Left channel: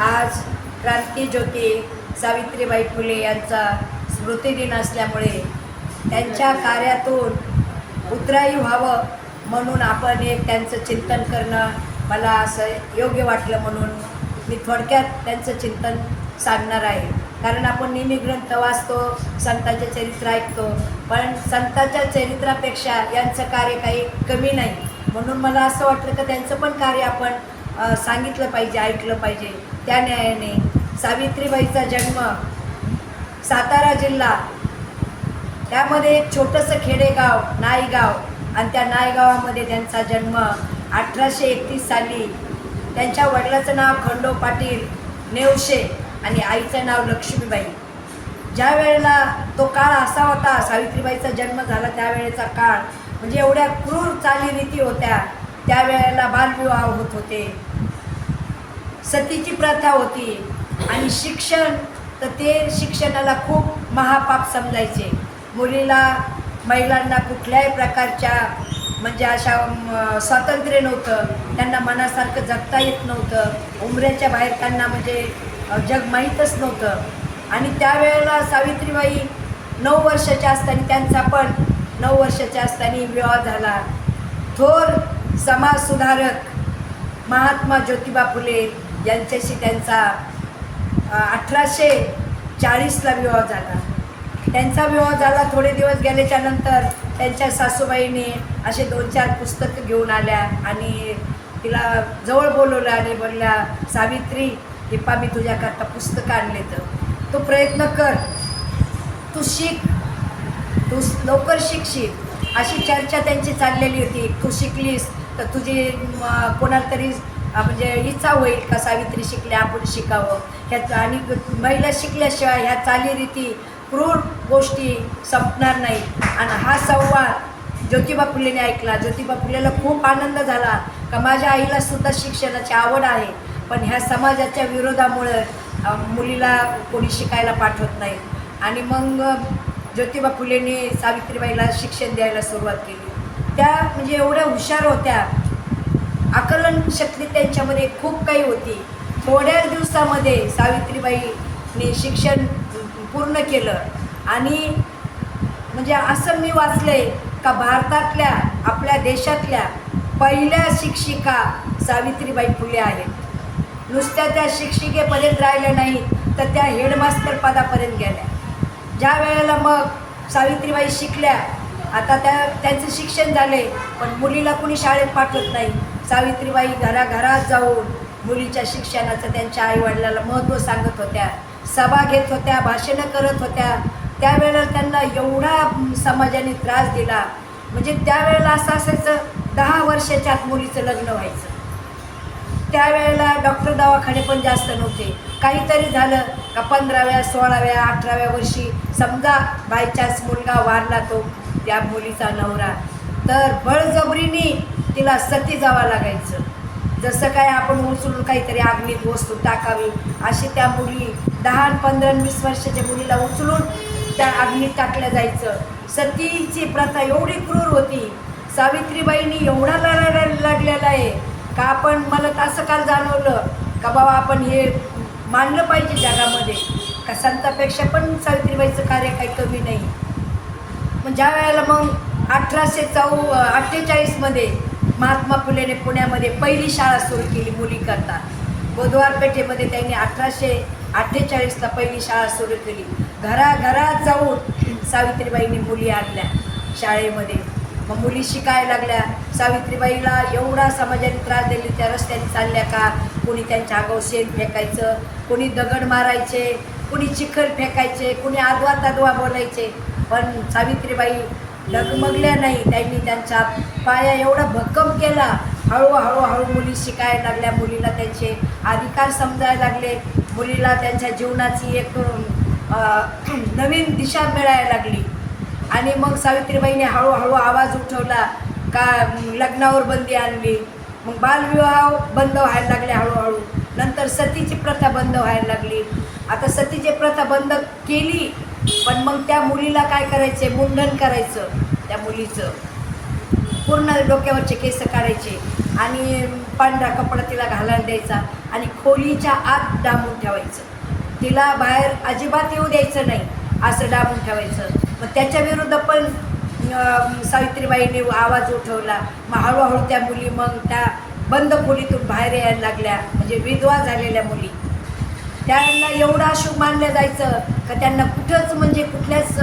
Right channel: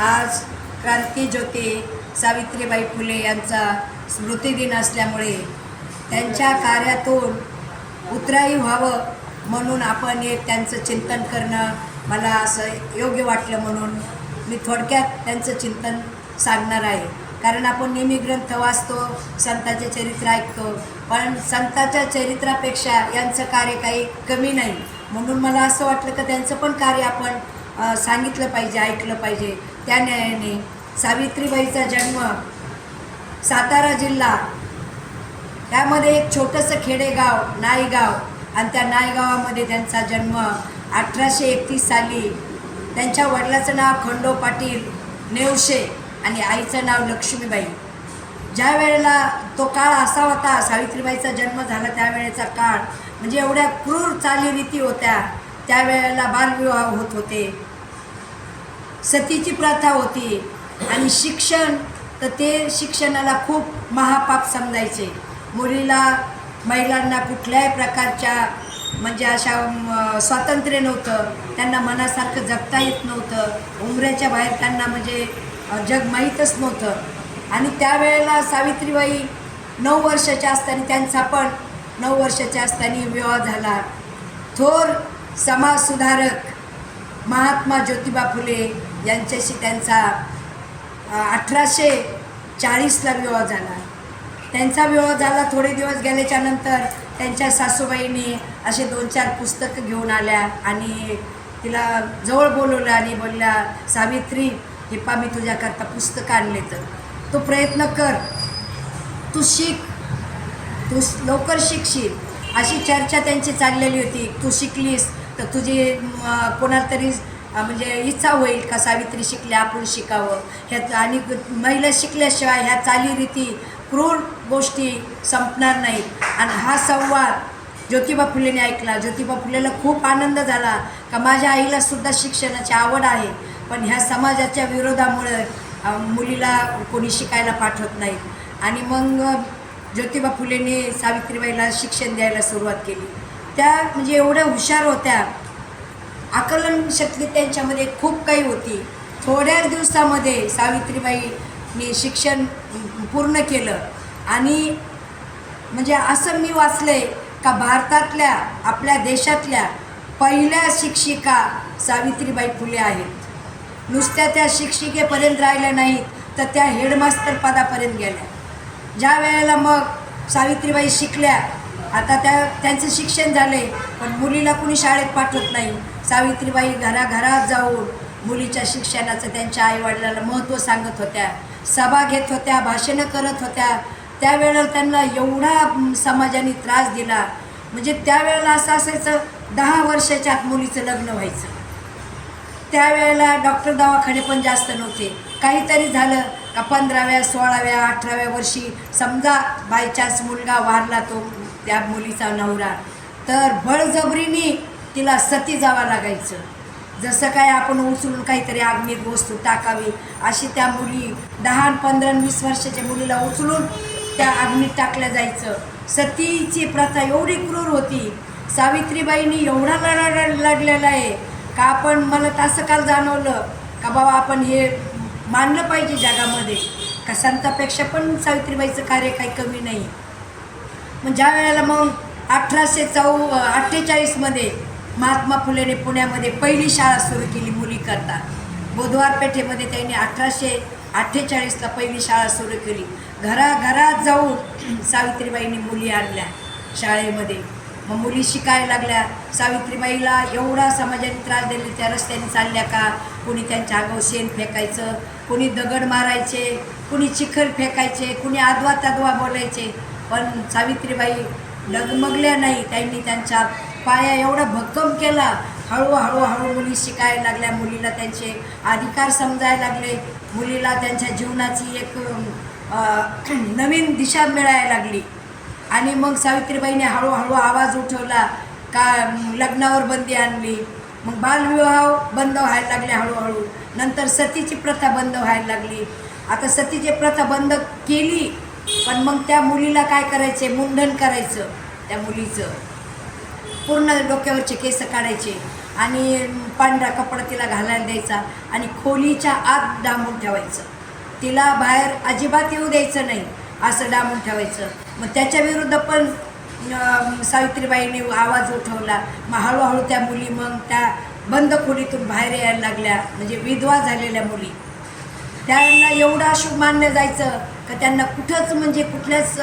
आज क्रांतीज्योती सावित्रीबाई फुले यांचा स्मृतिदिन असल्यामुळे त्यांच्या कार्यातून उतराई व्हावं म्हणून आपण एक त्यांचं चिंतन करणं मला असं योग्य वाटलं, म्हणून मी थोडक्यात त्यांचं चिंतन सांगणार आहे. कारण आपण नेहमी ग्रंथ वाचतो, संतांचे चरित्र ऐकतो, पण संतांच्या चरित्रापेक्षा यांचं कार्य काही कमी नाही. म्हणून मला असं वाटलं की त्यांचं पण कार्य आपण सांगितलं पाहिजे, ऐकलं पाहिजे. त्या न्यायाने सावित्रीबाईचा जन्म सातारा जिल्हा, त्यामध्ये एक छोटंसं खेडेगाव नाईगाव, आणि त्या नाईगावामध्ये त्यांचा जन्म 1831 साली. त्यांच्या वडिलाचं नाव खंडो पाटील नेवशे आणि आईचं नाव लक्ष्मीबाई. ज्या वेळेला तो काळ असा होता, सावित्रीबाईचा जन्म झाला त्यावेळेचा काळ म्हणजे एवढ्या क्रूर चालीरीती होत्या. त्यावेळेला बालविवाह होत होते, सतीची प्रथा होती, आणि शिक्षण तर ते शिक्षणाला खूप महापाप समजायचे. महिलांना कुठल्याही प्रकारच्या म्हणजे अशा स्वातंत्र्य नव्हतं, त्यांना मनासारखं जगता येत नव्हतं. उमऱ्याच्या बाहेर त्यांना म्हणजे जग माहीतच नव्हतं. आणि त्यावेळेला सावित्रीबाई 9 वर्षाच्या असताना, त्यांचा पण 9 वर्षाच्या असताना विवाह झाला. थोर समाजसुधारक महात्मा ज्योतिबा फुले यांच्याशी त्यांचा 1840ला विवाह झाला. त्यांचा विवाह झाला. थोडे दिवस गेल्याच्यानंतर त्यांच्या सासूबाईंनी असे 2-4 पुस्तकं घेऊन आल्या आणि तिला जवळ बोलवलं आणि बोलल्या, सावित्री हिप्पा, मी तुझ्याकरता पुस्तकं आणले, तर तू प्रयत्न कर, तू शिक, तू लवकर शिकशील. अशी चर्चा त्यांची चाललेली होती. तू शिकलीस तर तुझी कोणाला तरी म्हणजे इच्छा होईल का सावित्री शिकल्या, आपण शिकावं. ह्या आणि महिला शिकल्याशिवाय ह्या चालीरीती क्रूर गोष्टी संपणार नाहीत. आणि हा संवाद ज्योतिबा फुलेने ऐकला. ज्योतिबा फुलेला खूप आनंद झाला का माझ्या आईलासुद्धा शिक्षणाची आवड आहे, पण ह्या समाजाच्या विरोधामुळं मुलीला कोणी शिकायला पाठवत नाही. आणि मग ज्योतिबा फुलेने सावित्रीबाईला शिक्षण द्यायला सुरुवात केली. त्या म्हणजे एवढ्या हुशार होत्या, आकलन शक्ती त्यांच्यामध्ये खूप काही होती. थोड्याच दिवसामध्ये सावित्रीबाईने शिक्षण पूर्ण केलं. आणि म्हणजे असं मी वाचले का भारतातल्या, आपल्या देशातल्या पहिल्या शिक्षिका सावित्रीबाई फुले आहेत. नुसत्या त्या शिक्षिकेपर्यंत राहिल्या नाहीत, तर त्या हेडमास्टर पदापर्यंत गेल्या. ज्या वेळेला मग सावित्रीबाई शिकल्या, आता त्यांचं शिक्षण झाले, पण मुलीला कुणी शाळेत पाठवत नाही. सावित्रीबाई घराघरात जाऊन मुलीच्या शिक्षणाचं त्यांच्या आईवडिलाला महत्त्व सांगत होत्या, सभा घेत होत्या, भाषणं करत होत्या. त्यावेळेला त्यांना एवढा समाजाने त्रास दिला. म्हणजे त्यावेळेला असं असायचं, 10 वर्षाच्या आत मुलीचं लग्न व्हायचं. त्यावेळेला डॉक्टर दवाखाने पण जास्त नव्हते. काहीतरी झालं का 15व्या 16व्या 18व्या वर्षी समजा बायचान्स मुलगा वारला, तो त्या मुलीचा नवरा, तर बळजबरीने तिला सती जावं लागायचं. जसं काय आपण उचलून काहीतरी अग्नीत वस्तू टाकावी, अशी त्या मुली 10, 15, 20 वर्षाच्या मुलीला उचलून त्या अग्नीत टाकल्या जायचं. सतीची प्रथा एवढी क्रूर होती. सावित्रीबाईंनी एवढा लढलेला आहे का आपण, मला तसं काल जाणवलं का बाबा आपण हे मानलं पाहिजे जगामध्ये, का संतापेक्षा पण सावित्रीबाईचं कार्य काही कमी नाही. मग ज्या वेळेला मग 1848मध्ये महात्मा फुलेने पुण्यामध्ये पहिली शाळा सुरू केली मुलीकरता. बुधवार पेठेमध्ये त्यांनी 1848ला पहिली शाळा सुरू केली. घराघरात जाऊन सावित्रीबाईंनी मुली आणल्या शाळेमध्ये. मग मुली शिकायला लागल्या. सावित्रीबाईला एवढा समाजाने त्रास दिले, त्या रस्त्याने चालल्या का कोणी त्यांच्या आगाऊ शेण फेकायचं, कोणी दगड मारायचे, कोणी चिखल फेकायचे, कोणी आदवा तदवा बोलायचे. पण सावित्रीबाई डगमगल्या नाही. त्यांनी त्यांचा पाया एवढा भक्कम केला. हळूहळू मुली शिकायला लागल्या, मुलीला त्यांचे अधिकार समजायला लागले, मुलीला त्यांच्या जीवनाची एक नवीन दिशा मिळायला लागली. आणि मग सावित्रीबाईने हळूहळू आवाज उठवला का लग्नावर बंदी आणली. मग बालविवाह बंद व्हायला लागले हळूहळू. नंतर सतीची प्रथा बंद व्हायला लागली. आता सतीची प्रथा बंद केली, पण मग त्या मुलीला काय करायचे, मुंडन करायचं. त्या मुलीचं पूर्ण डोक्यावरचे केस काढायचे आणि पांढरा कपडा तिला घालायला द्यायचा आणि खोलीच्या आत डांबून ठेवायचं. तिला बाहेर अजिबात येऊ द्यायचं नाही, असं डांबून ठेवायचं. मग त्याच्या विरुद्ध पण सावित्रीबाईंनी आवाज उठवला. मग हळूहळू त्या मुली मग त्या बंद खोलीतून बाहेर यायला लागल्या, म्हणजे विधवा झालेल्या मुली. त्यांना एवढं अशुभ मानलं जायचं का त्यांना कुठंच म्हणजे कुठल्याच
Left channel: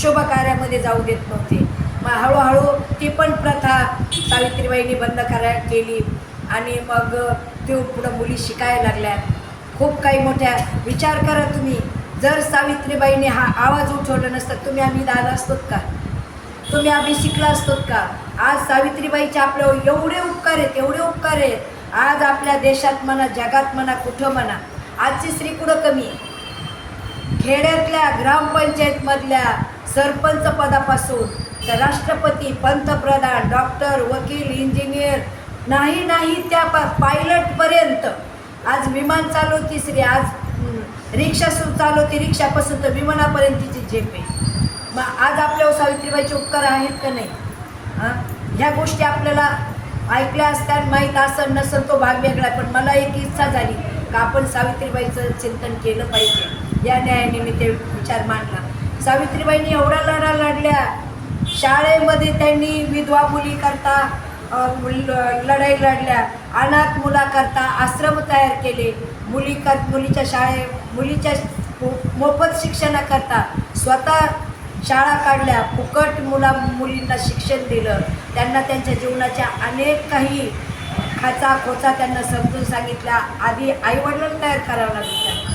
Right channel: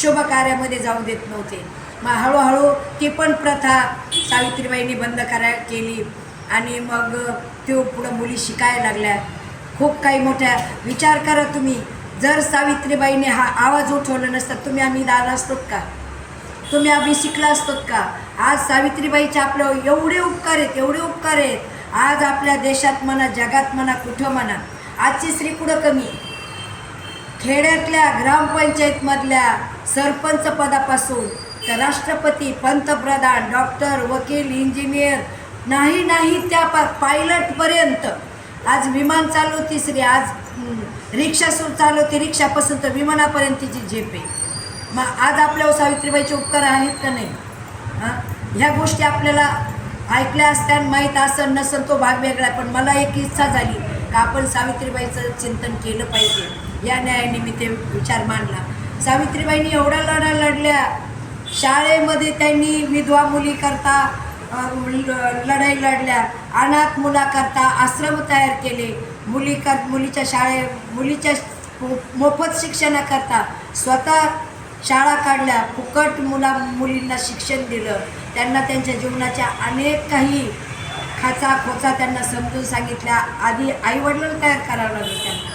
शुभ कार्यामध्ये जाऊ देत नव्हते. मग हळूहळू ती पण प्रथा सावित्रीबाईंनी बंद केली आणि मग ते पुढं मुली शिकायला लागल्या. खूप काही मोठ्या विचार करा तुम्ही, जर सावित्रीबाईंनी हा आवाज उठवला नसता तुम्ही आम्ही आला असतोत का? तुम्ही आम्ही शिकला असतोत का? आज सावित्रीबाईचे आपल्यावर एवढे उपकार आहेत, एवढे उपकार आहेत. आज आपल्या देशात म्हणा, जगात म्हणा, कुठं म्हणा, आजची स्त्री कुठं कमी? खेड्यातल्या ग्रामपंचायतमधल्या सरपंच पदापासून तर राष्ट्रपती, पंतप्रधान, डॉक्टर, वकील, इंजिनियर, नाही त्या पायलटपर्यंत. आज विमान चालवती स्त्री, आज रिक्षा चालवते, रिक्षापासून तर विमानापर्यंतची झेप आहे. मग आज आपल्यावर सावित्रीबाईचे उपकार आहेत का नाही? ह्या गोष्टी आपल्याला ऐकल्या असत्या, माहीत असन नसन तो भाग वेगळा. पण मला एक इच्छा झाली का आपण सावित्रीबाईचं चिंतन केलं पाहिजे. या न्यायानिमित्त विचार मांडला. सावित्रीबाईंनी एवढा लढा लढल्या. शाळेमध्ये त्यांनी विधवा मुलीकरता लढाई लढल्या. अनाथ मुलाकरता आश्रम तयार केले. मुलीच्या मोफत शिक्षणाकरता स्वतः शाळा काढल्या. फुकट मुलींना शिक्षण दिलं. त्यांना त्यांच्या जीवनाच्या अनेक काही खोचा त्यांना समजून सांगितल्या. आधी आईवडिलांना तयार करावं लागलं त्यांना.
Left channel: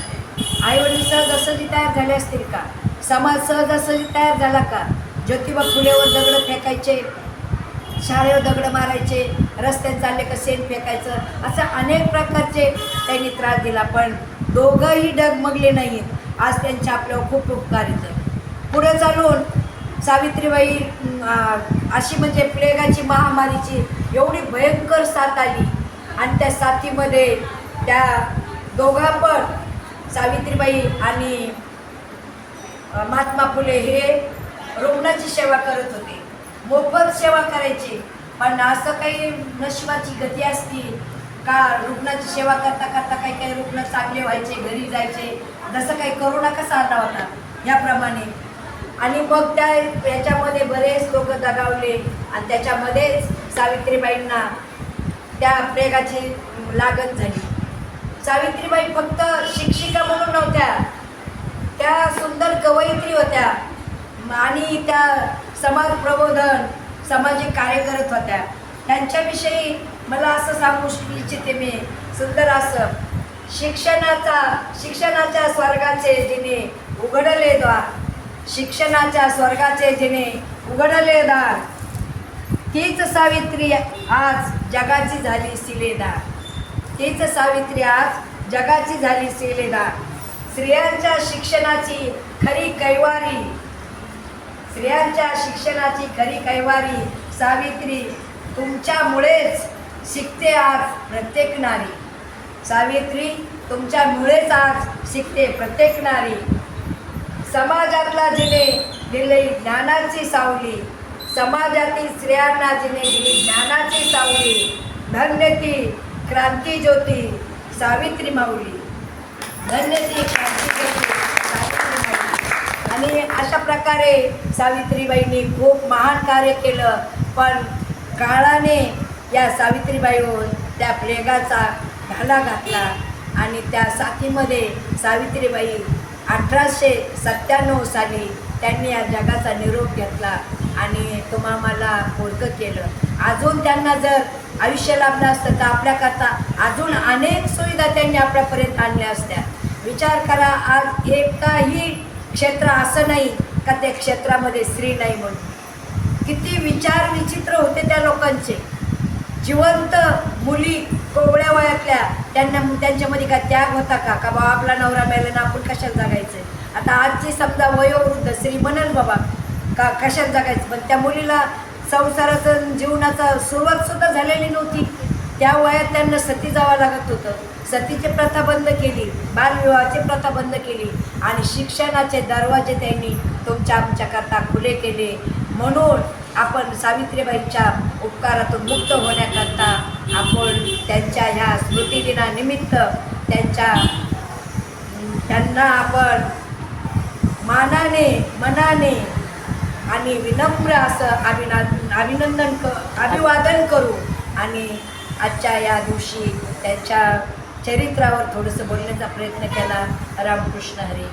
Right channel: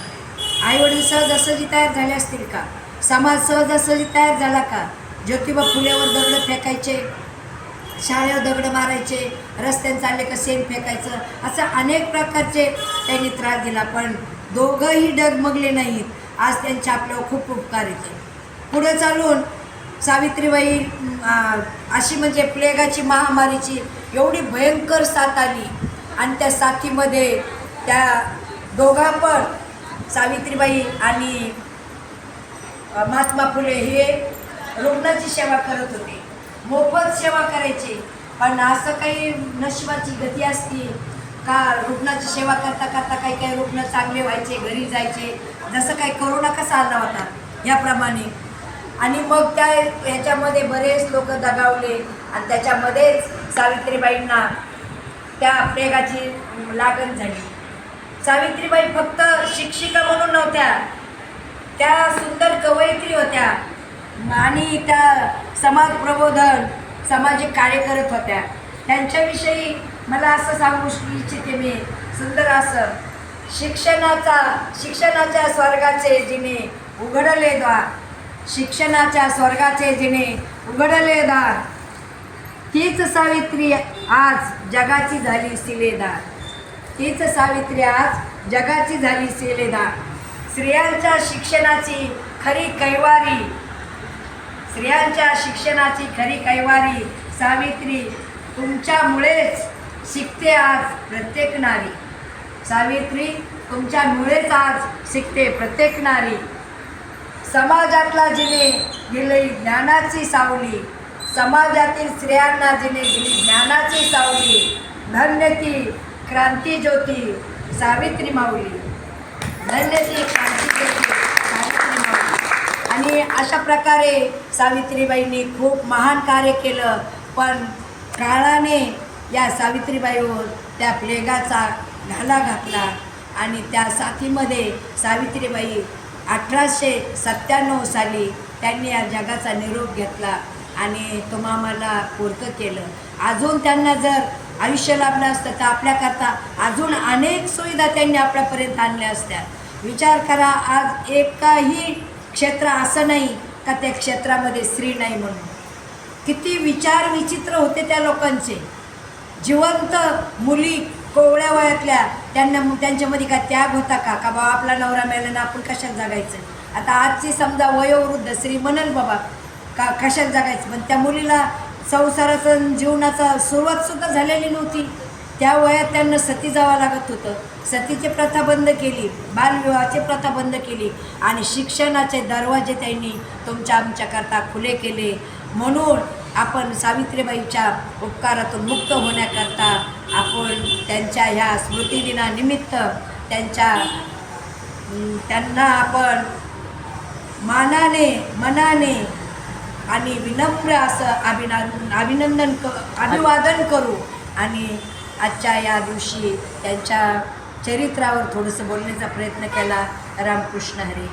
आईवडील सहजासहजी तयार झाले असतील का? समाज सहजासहजी तयार झाला का? ज्योतिबा फुलेवर दगडं फेकायचे, शाळेवर दगडं मारायचे, रस्त्याने चालले का शेण फेकायचं, असं अनेक प्रकारचे त्यांनी त्रास दिला. पण दोघंही डगमगले नाहीत. आज त्यांचे आपल्यावर खूप उपकार आहेत. पुढे चालून सावित्रीबाई अशी म्हणजे प्लेगाची महामारीची एवढी भयंकर साथ आली आणि त्या साथीमध्ये त्या दोघा पण सावित्रीबाई आणि महात्मा फुले हे रुग्णाची सेवा करत होते. मोफत सेवा करायची. पण असं काही नशिबाची गती असती का रुग्णाची सेवा करता करता काही रुग्ण चांगले व्हायचे, घरी जायचे. जसं काही करोना कसा आला होता याप्रमाणे. आणि मग याच्यामध्ये बरेच लोक दगावले आणि त्याच्यामध्येच सावित्रीबाईंना त्या प्लेगाची लागण झाली. सावित्रीबाई फक्त शिक्षिका म्हणून नव्हत्या, त्या सुंदर कवयित्री होत्या आणि त्या समाज प्रबोधन, सामाजिक कार्य करत होत्या. त्यांच्याविषयी मला असं सांगू इच्छिते मी, सुंदर असं, शिक्षणाच्या स्वर्गाचे जिने उघडले द्वार, शिक्षणाच्या स्वर्गाचे जिने उघडले दार, तीच सावित्री आज जगाची झाली सिलेदार. तीच सावित्री आज जगाची झाली सिलेदार. स्त्रियांच्या शिक्षणाची खरी कैवारी, स्त्रियांच्या शिक्षणाची खरी कैवारी सावित्री, तुमच्यामुळेच शिकते आज प्रत्येक नारी. सावित्री, तुमच्यामुळेच आज शिकते प्रत्येक नारी. समाजातला जिने दिली ज्ञानाची सावली, समाजातील स्त्रियांना जिने दिली ज्ञानाची सावली, धन्य ती क्रांती ज्योती सावित्री माऊली. धन्य ती क्रांती ज्योती सावित्री माऊली. आणि अशा प्रकारे सावित्रीबाईंनी खूप महान कार्य केलं. पण काळाने या सावित्रीबाईवर त्या प्लेगाचा घाला घातला आणि त्या साथीमध्ये सावित्रीबाई 1897 साली त्यांनी या जगाचा निरोप घेतला आणि तुम्हाला पोरकं केलं. अजून त्यांना जर आयुष्य लाभलं असतं तर आपल्याकरता अजून अनेक सुविधा त्यांनी आपल्यापर्यंत आणल्या असत्या. विचार करा, आज एकाही क्षेत्र असं नाही का त्या क्षेत्रामध्ये स्त्री नाही म्हणून. किती विचार विचित्र होते त्या लोकांचे. जिवंत मुली कोवळ्या वयातल्या त्यांच्यामध्ये काय त्याग होता का बाबा आपला नवरा मेला ना आपण कशाला जगायचं. आता आजची समजा वयोवृद्ध स्त्री म्हणाल बाबा का कशाला जगायचं, पण त्या मुलीला संसाराचं जीवनाचा सुरुवातसुद्धा झालेली नव्हती. त्या वयात त्यांना सती जावं लागत होतं. सतीची प्रथा बंद केली, बालविवाहाची प्रथा बंद केली आणि शिक्षणाचे दरवाजे त्यांनी आमच्याकरता खुले केले. म्हणून आपण सावित्रीबाईंच्या उपकारातून मुक्त होण्याकरता आपण त्यांच्या ह्या स्मृतिदिनानिमित्त त्यांना आपण मानाने मनाने आणि विनम्र असं अभिवादन करू आणि आजच्या या दिवशी त्यांच्या चरित्रावर थोडंसं बोलण्याचा प्रयत्न केला. रामकृष्ण हरी.